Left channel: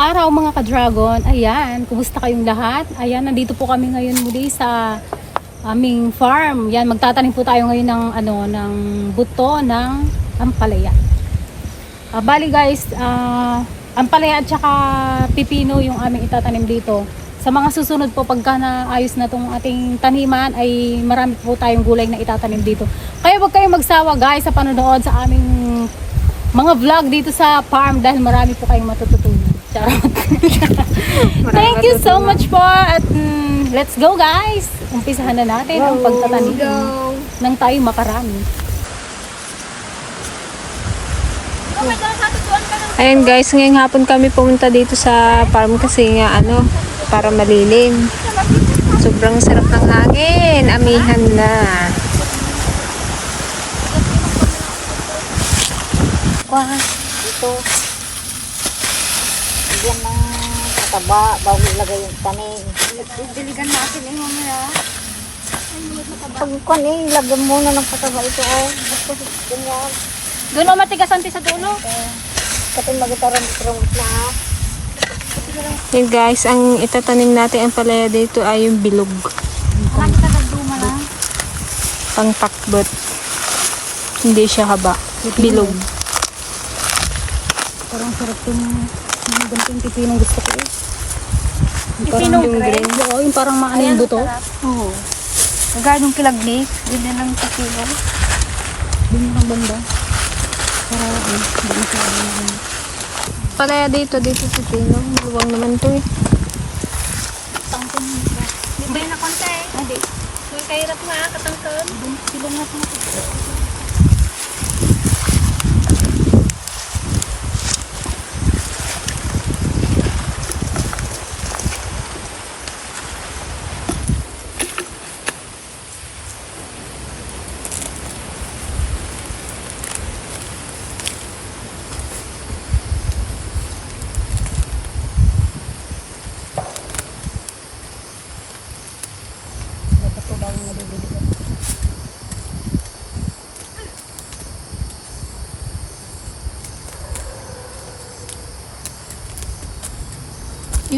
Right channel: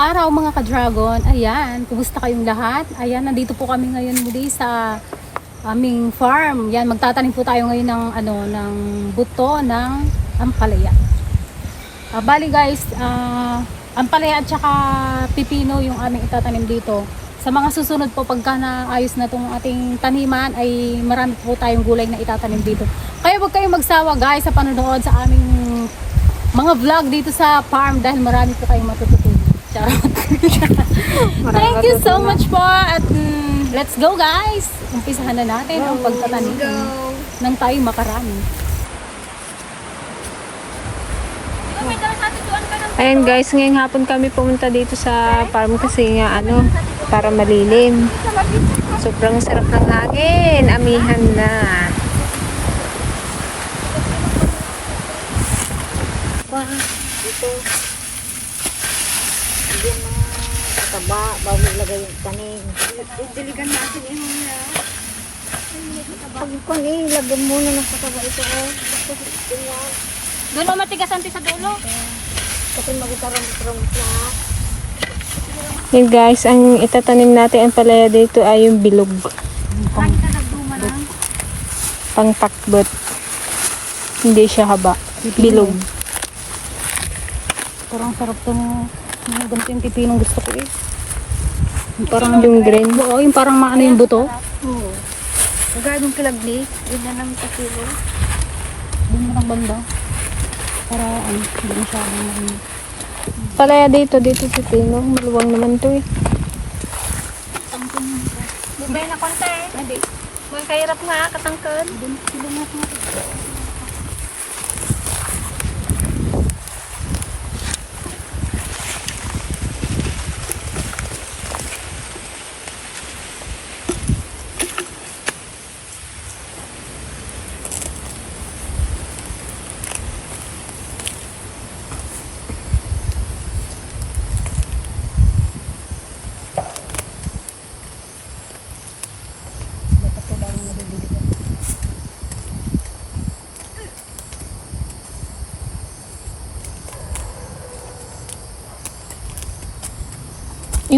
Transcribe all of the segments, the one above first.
araw mga ka-dragon. Ayan, kumusta kayong lahat? Ayan, nandito po kami ngayon muli sa aming farm. Yan, magtatanim po tayo ngayon ng ano ng buto ng ampalaya. Ah, bali guys, ah, ampalaya at saka pipino yung aming itatanim dito. Sa mga susunod po pagka naayos na tong ating taniman ay marami po tayong gulay na itatanim dito. Kaya wag kayong magsawa guys sa panonood sa aming mga vlog dito sa farm dahil marami po kayong matututunan. Charot. Thank you so much po at mm, let's go guys. Umpisahan na natin ang pagtatanim nang tayo makarami. Ayan guys, ngayong hapon kami pumunta dito sa farm kasi nga ano, para malilim. Sobrang sarap ng hangin. Amihan na. Taba, bago ilagay yung tanim. Diligan natin eh, mamaya. Pag kung eh, ilagyan muna ng kataba ito oh. Gusto ko yan. Doon matigas anti sa dulo. Kapag nagutaran from lahat. Yan guys, ang itatanim natin ang palaya dito ay yung bilog. Marami ka nagduma lang. Hindi siya haba. Bilog. Parang sarap yung ganito yung pipinong gusto ko eh. Yung parang Dungdren. Oo, yung parang maano yung buto. Oo. Kagaya ng kilagni, yun na lang sa kilo. Doon mo ng banda. Para ano, hindi masyado na ano. Palaya dito, dito sa tino. Maluwang naman to eh. Hindi na konti. Hindi. Magkahirap nga, katangkad. Doon sila nga sa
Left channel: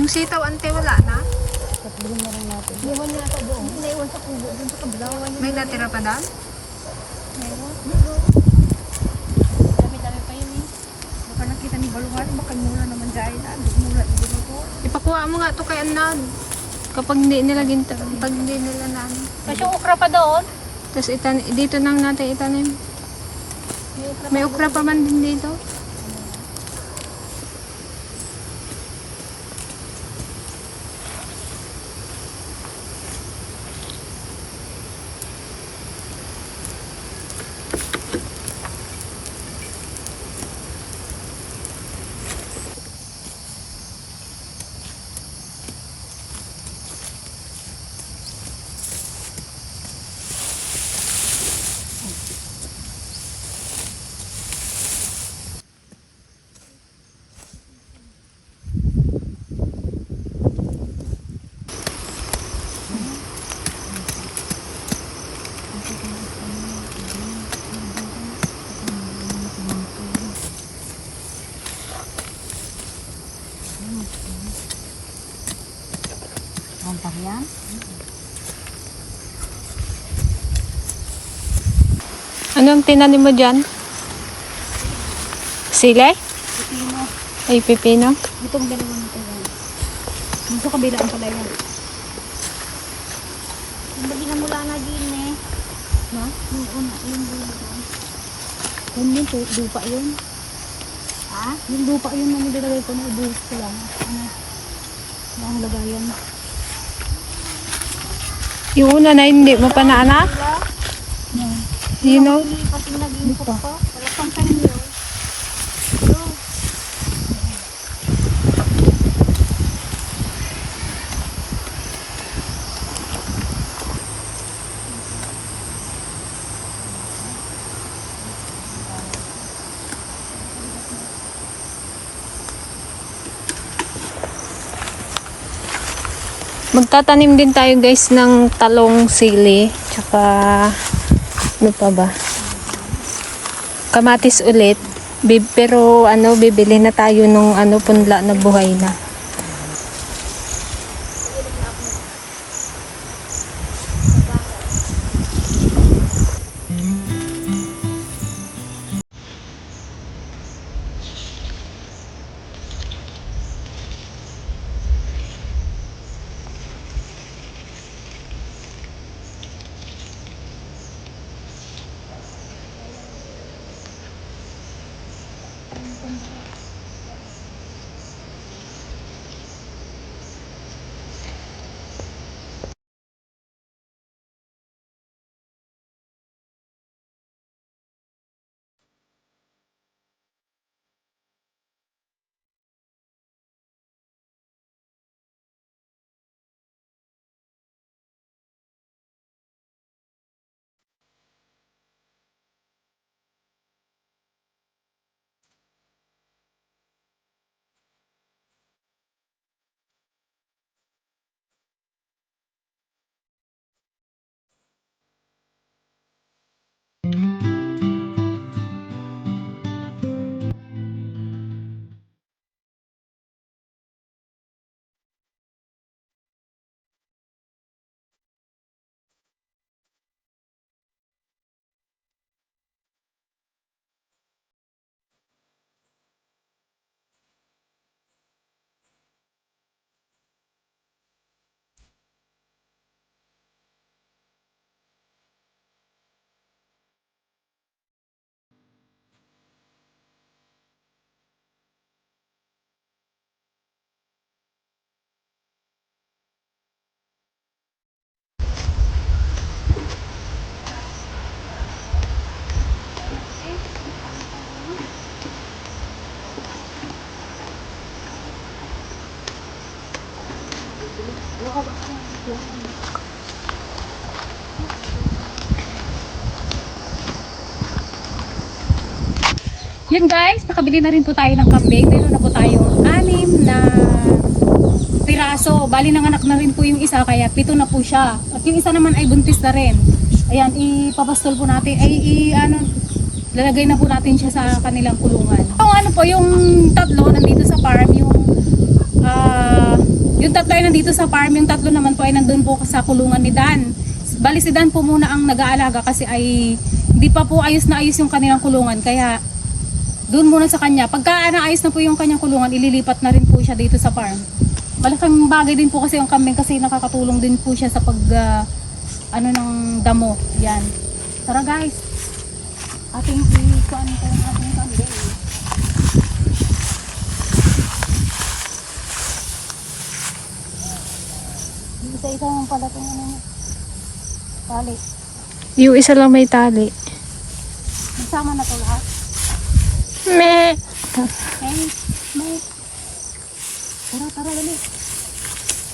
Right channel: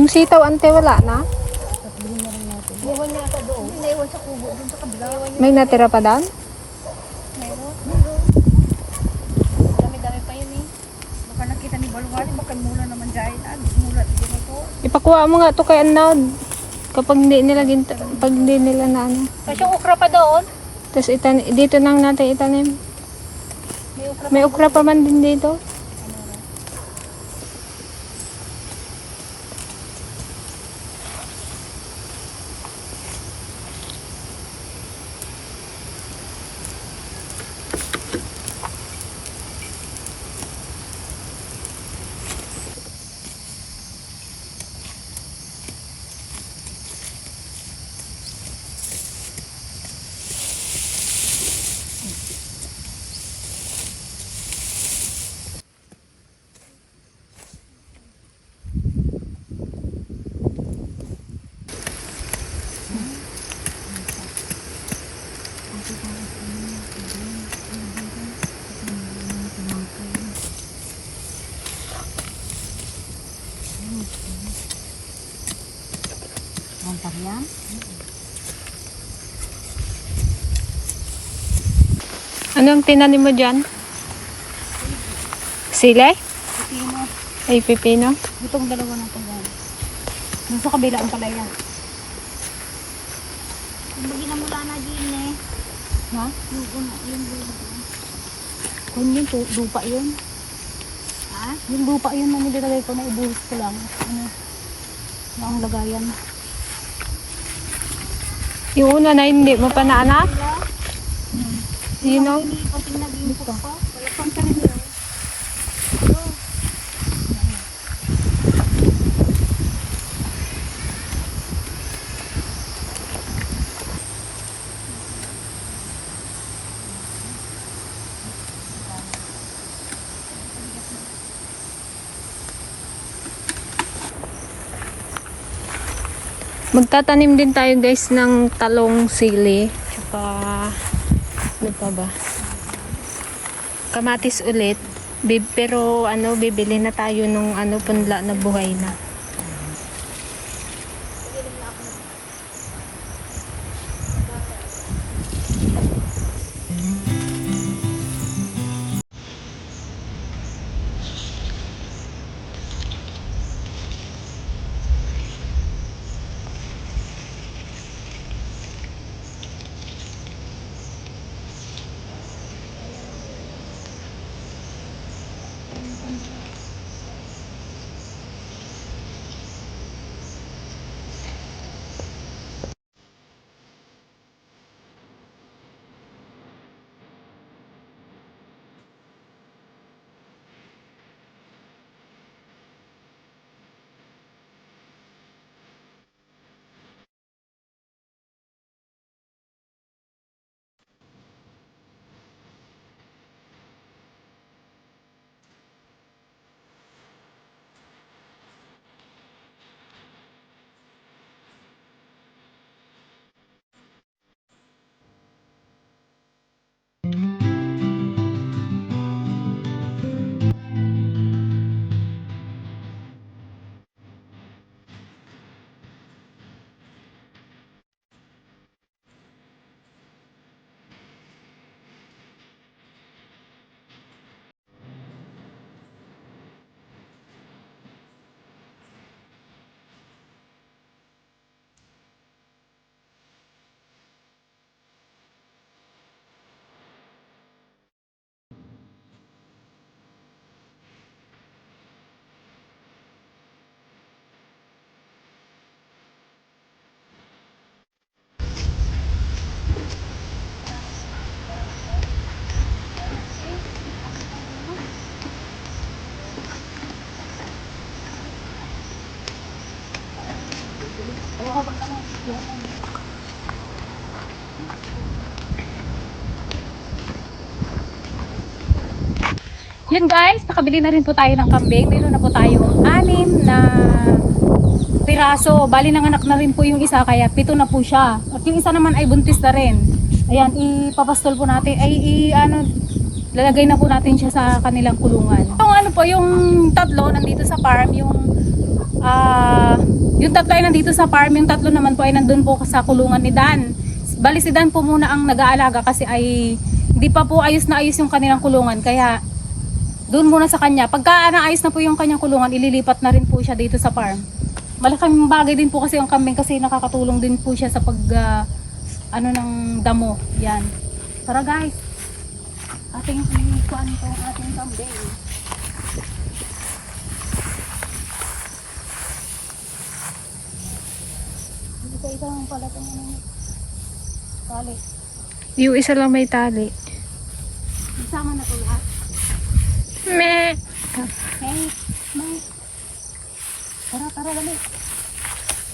Yung sitaw ante wala na? At bilhin na rin natin. Iwan niya ako doon. Naiwan sa kubo doon sa kabila. May natira pa doon? Ipakuha mo nga to kay Anad. Kapag hindi nila ginta, pag hindi nila na ano. Kasi yung okra pa doon. Tapos itan dito nang natin itanim. May ukra pa man din dito. Ang pariyan? Anong tinanim mo dyan? Sile? Pipino. Ay, pipino? Itong dalawa natin yan. Doon sa kabila ang palaya. Yung bagi na mula na din eh. No? Yung una, yung doon. Kung yun, to, lupa yun. Ha? Yung lupa yun na nilagay ko na ibuhos ko lang. Ano? Na ang lagayan. Yung una na hindi mo pa na anak? You know? Hindi pati naging Dito. pa. Saan ka rin yun? Magtatanim din tayo guys ng talong sili. Tsaka, ano pa ba? Kamatis ulit. Pero ano, bibili na tayo nung ano, punla na buhay na. Yun guys, nakabili na rin po tayo ng kambing. Meron na po tayong anim na piraso. Bali nanganak na rin po yung isa kaya pito na po siya. At yung isa naman ay buntis na rin. Ayan, ipapastol po natin. Ay, i, ano, lalagay na po natin siya sa kanilang kulungan. Yung ano po, yung tatlo nandito sa farm, yung ah yung tatlo ay nandito sa farm, yung tatlo naman po ay nandun po sa kulungan ni Dan. Bali si Dan po muna ang nag-aalaga kasi ay hindi pa po ayos na ayos yung kanilang kulungan. Kaya doon muna sa kanya. Pagka naayos na po yung kanyang kulungan, ililipat na rin po siya dito sa farm. Malaking bagay din po kasi yung kambing kasi nakakatulong din po siya sa pag ah, ano ng damo. Yan. Tara guys. Ating ikuan to ating kambing. Isa-isa mo pala itong ano. Tali. Yung isa lang may tali. Nagsama na to lahat. Meh. Hey, may. Tara, tara, dali.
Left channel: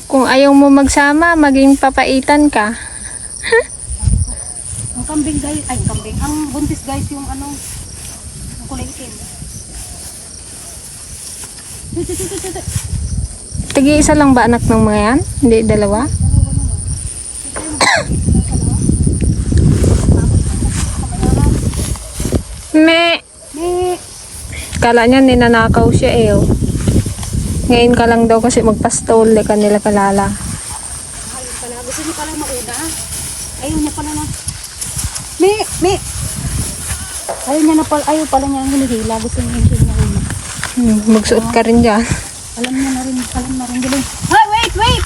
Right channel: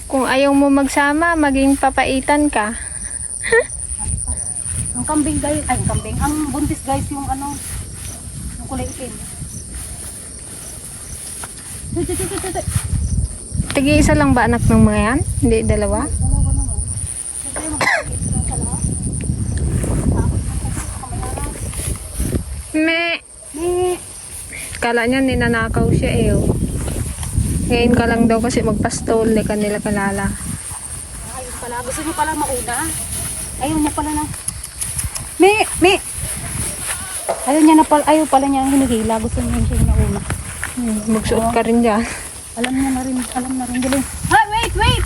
Kung ayaw mo magsama, maging papaitan ka. Ang kambing guys, ay ang kambing, ang buntis guys yung ano, yung kulay itim. Tut, Tagi isa lang ba anak ng mga yan? Hindi dalawa? Na. Eh, Kala niya ninanakaw siya eh. oh. Ngayon ka lang daw kasi magpastol ka nila kalala. ayun pala. Gusto niyo pala mauna. Ayaw niya pala na. Mi, mi. Ayaw niya na pala, ayaw pala niya hinahila. Gusto niya siya nauna. Hmm, magsuot ka rin dyan. Alam niya na rin, alam na rin. Galing. Ay, wait, wait!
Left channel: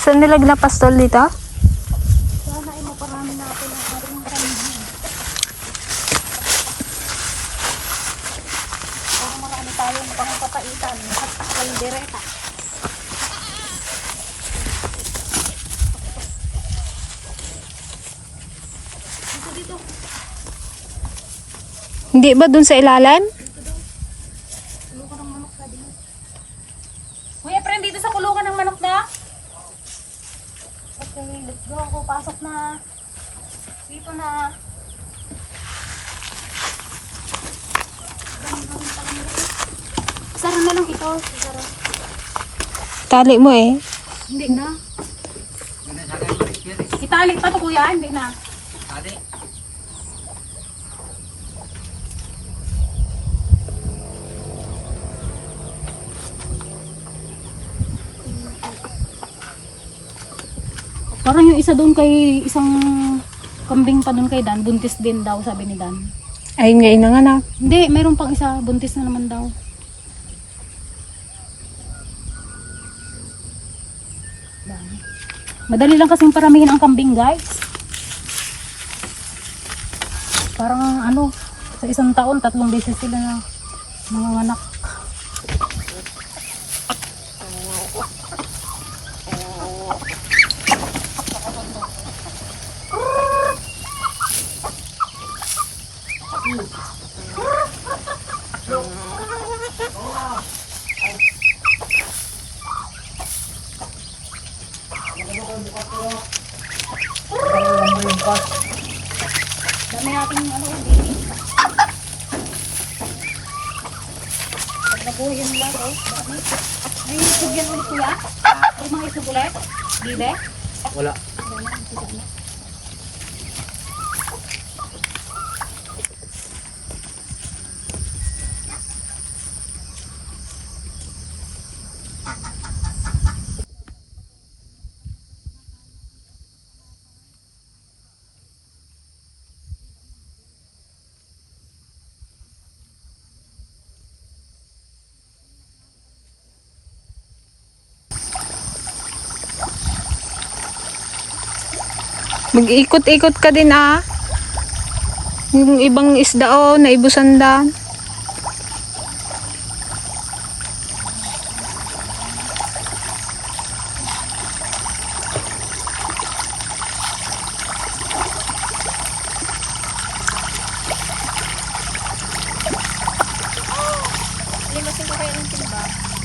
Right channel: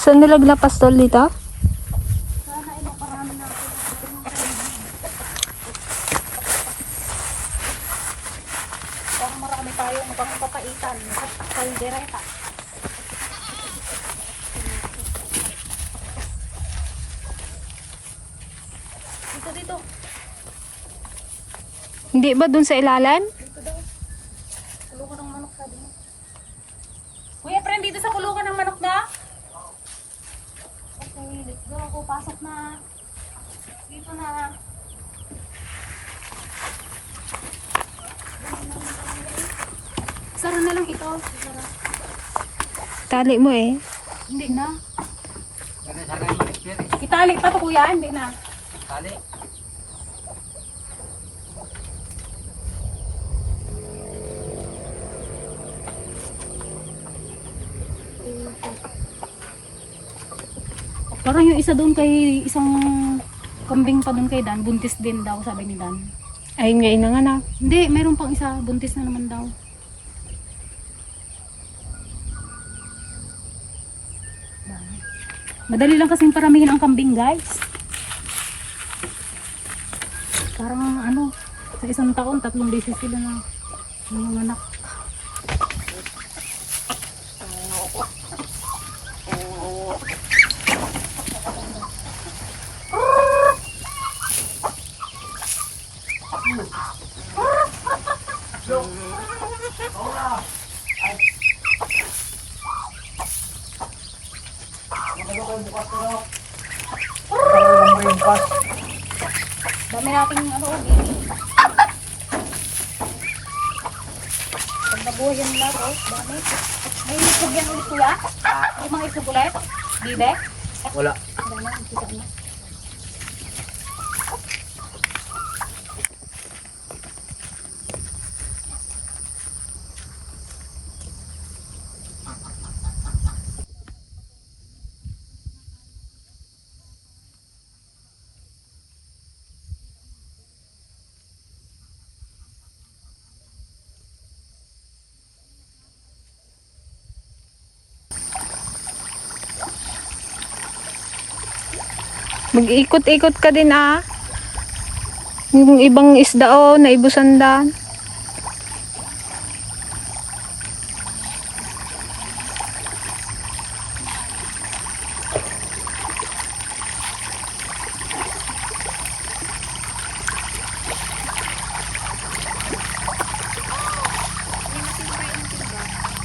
Saan nilagla pastol dito? Sana ay maparami natin ang ating kaibigan. Para marami tayong pangpapaitan at kaldereta. Hindi ba dun sa ilalim? Kulungan ng manok sabi mo. Kuya, friend, dito sa kulungan ng manok na. Okay, let's go. Ako, pasok na. Dito na. Dami, dami, dami. Oh, sarap. Tali mo eh. Hindi na. Itali pa to kuya, hindi na. Parang yung isa doon kay isang kambing pa doon kay Dan, buntis din daw sabi ni Dan. Ayun nga inanganak. Hindi, meron pang isa, buntis na naman daw. Dami. Madali lang kasing paramihin ang kambing, guys. Parang ano, sa isang taon, tatlong beses sila na. Dami natin ano, pag nabuhay yung lahat, oh, dami. May isog yan ulit kuya? Isog ulit? Bide? Wala. Dami, Mag-ikot-ikot ka din ah. Yung ibang isda oh, na ibusandan.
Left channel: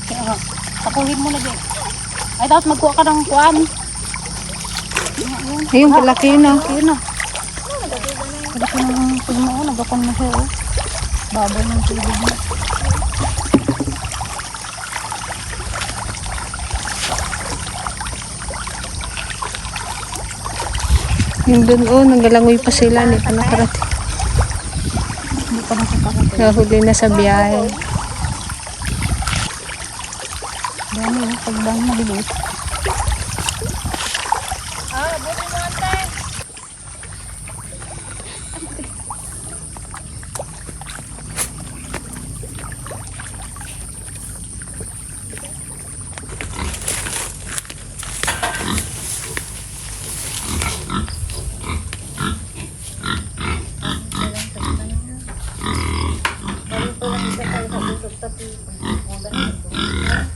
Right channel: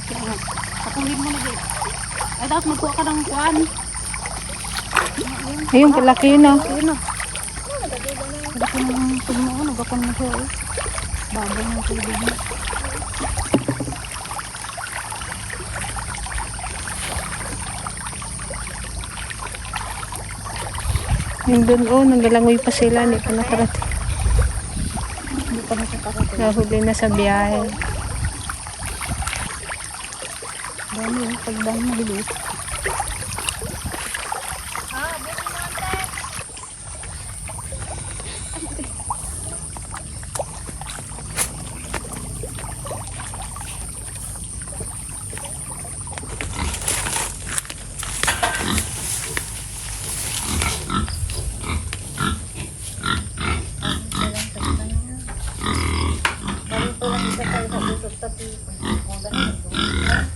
Kaya nga, tapuhin mo din. Ay, dapat magkuha ka ng kuwan. Ayun, kalaki yun ah. Yun na. Laki ng tignan ko, nagkakon na siya, oh. Babaw ng tubig niya. Yung dun oh, nagalangoy pa sila. Hindi pa nakarating. Pa na siya tapos. Nahuli na sa biyahe.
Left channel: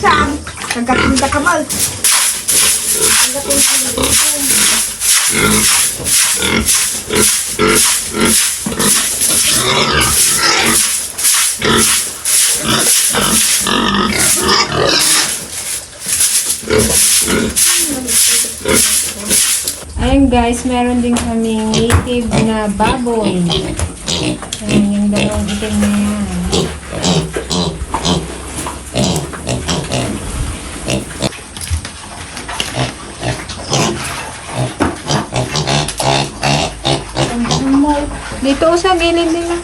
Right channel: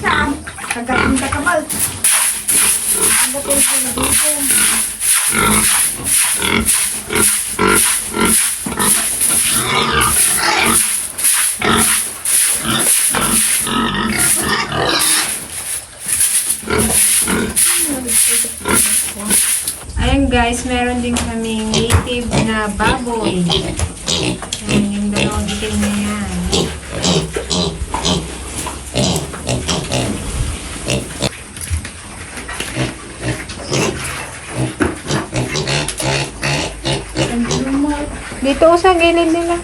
Dami, oh. Pagdang malilit. Ayun guys, meron din kami native na baboy. Ayan, yung dalawang itim na yan. doon sa gilid nila.